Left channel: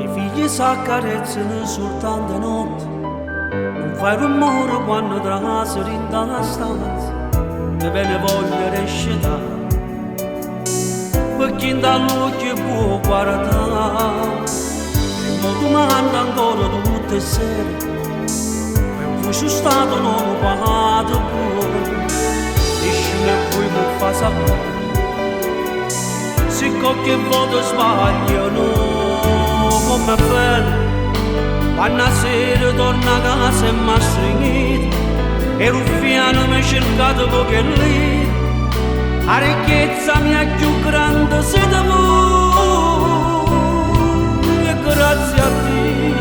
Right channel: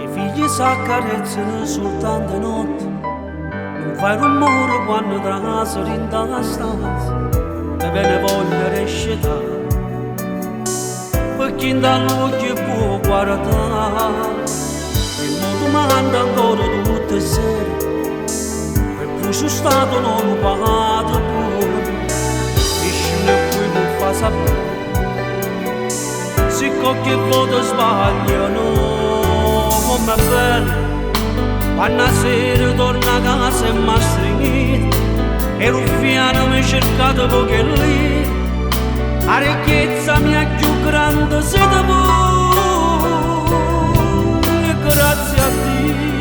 I figli s'accarezzano soltanto notte, non fai rumore quando traseri in la stanza, te ve ne voglio rescetare, perché in dall'occhio può guardare, e mo domanda ancora tutte le sere, per cui sono stato non ho pagato pure, nessuno poi mi fa sapere, se qualche volta sbagliano, come è bello, quando a sera torna a casa e mi ha stringito, e ruffiano mi ha cercato poche lire, la ricchezza mia più grande siete voi, e grazie a Dio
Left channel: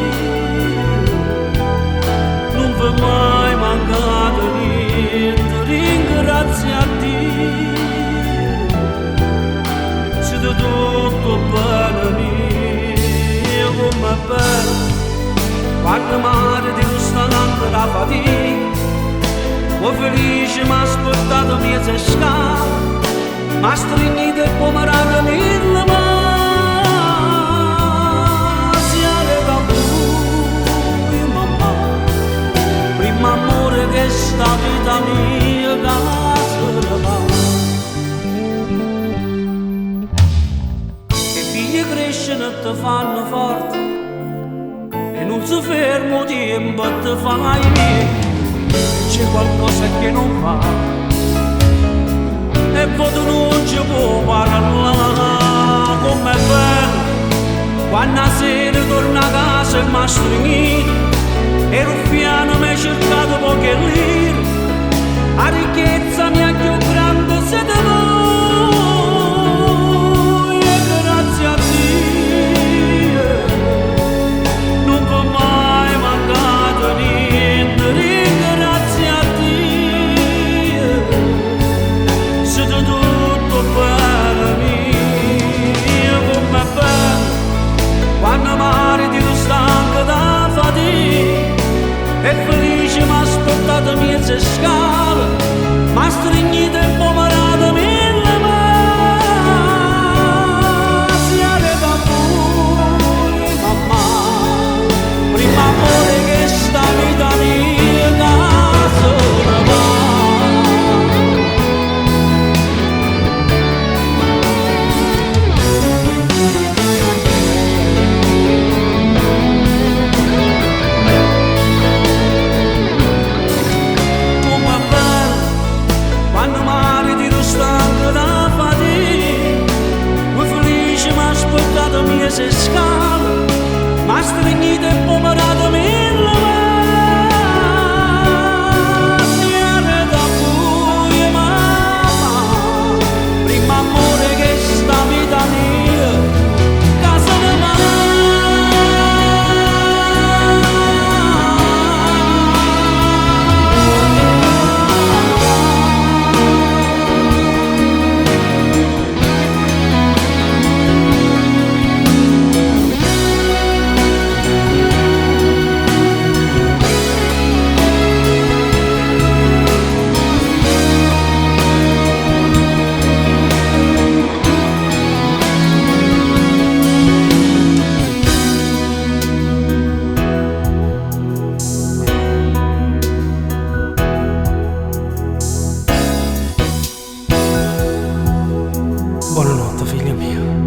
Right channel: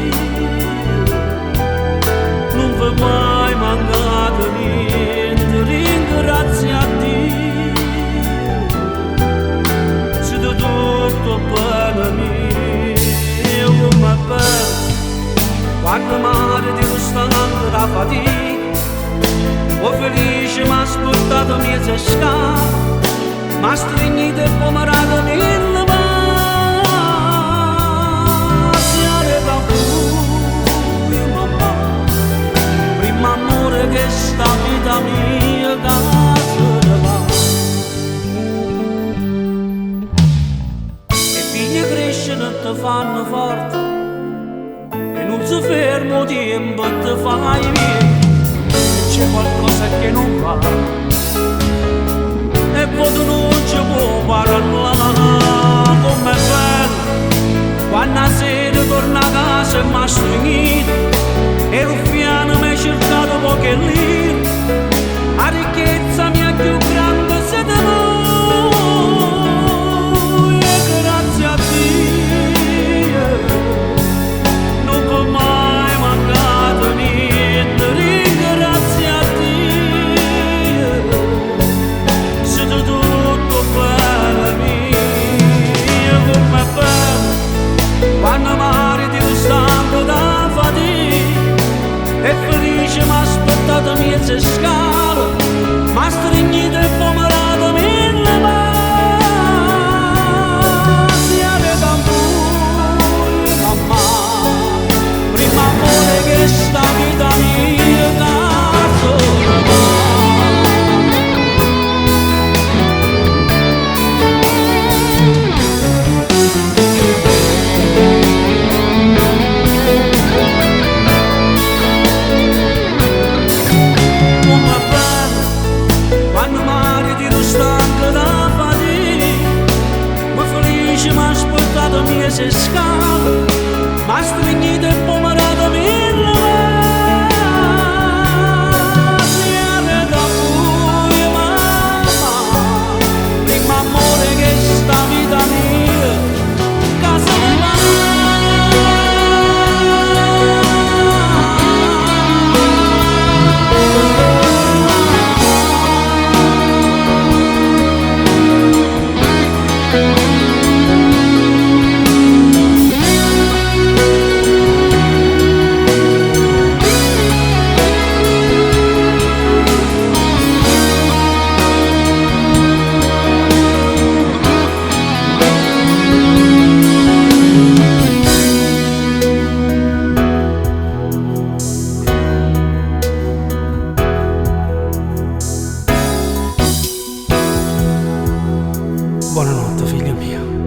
non vi è mai mancato niente, ringrazio a Dio, siete tutto bene mio, come è bello quando mare di rostante la fatica, o felice mi ha aspettato mezza scala, mi ha stringito e pomerato mille masi, da voi mamma, prima amore che sta vita mia casa ne va. E figli crescono e ti fanno forte, e non si fermo tempo e ti fai vecchio, e c'è qualcosa che non va, e poi tu non ci puoi parlare, com'è bello quando a sera torna a casa e mi ha stringito, e ruffiano mi ha cercato poche lire, la ricchezza mia più grande siete voi, e grazie a Dio non vi è mai mancato niente, ringrazio a Dio, siete tutto bene mio, come è bello quando mare di stanco da fatica, e felice mi ha aspettato mezza scala, mi ha stringito e pomerato mille masi, da voi mamma, prima amore che sta vita mia casa ne va. Come è bello quando mare ti stanco da fatica, come felice mi ha aspettato mezza scala, mi ha stringito e pomerato mille masi, da voi mamma, prima amore che sta vita mia casa ne va. Buonanotte figlia mia.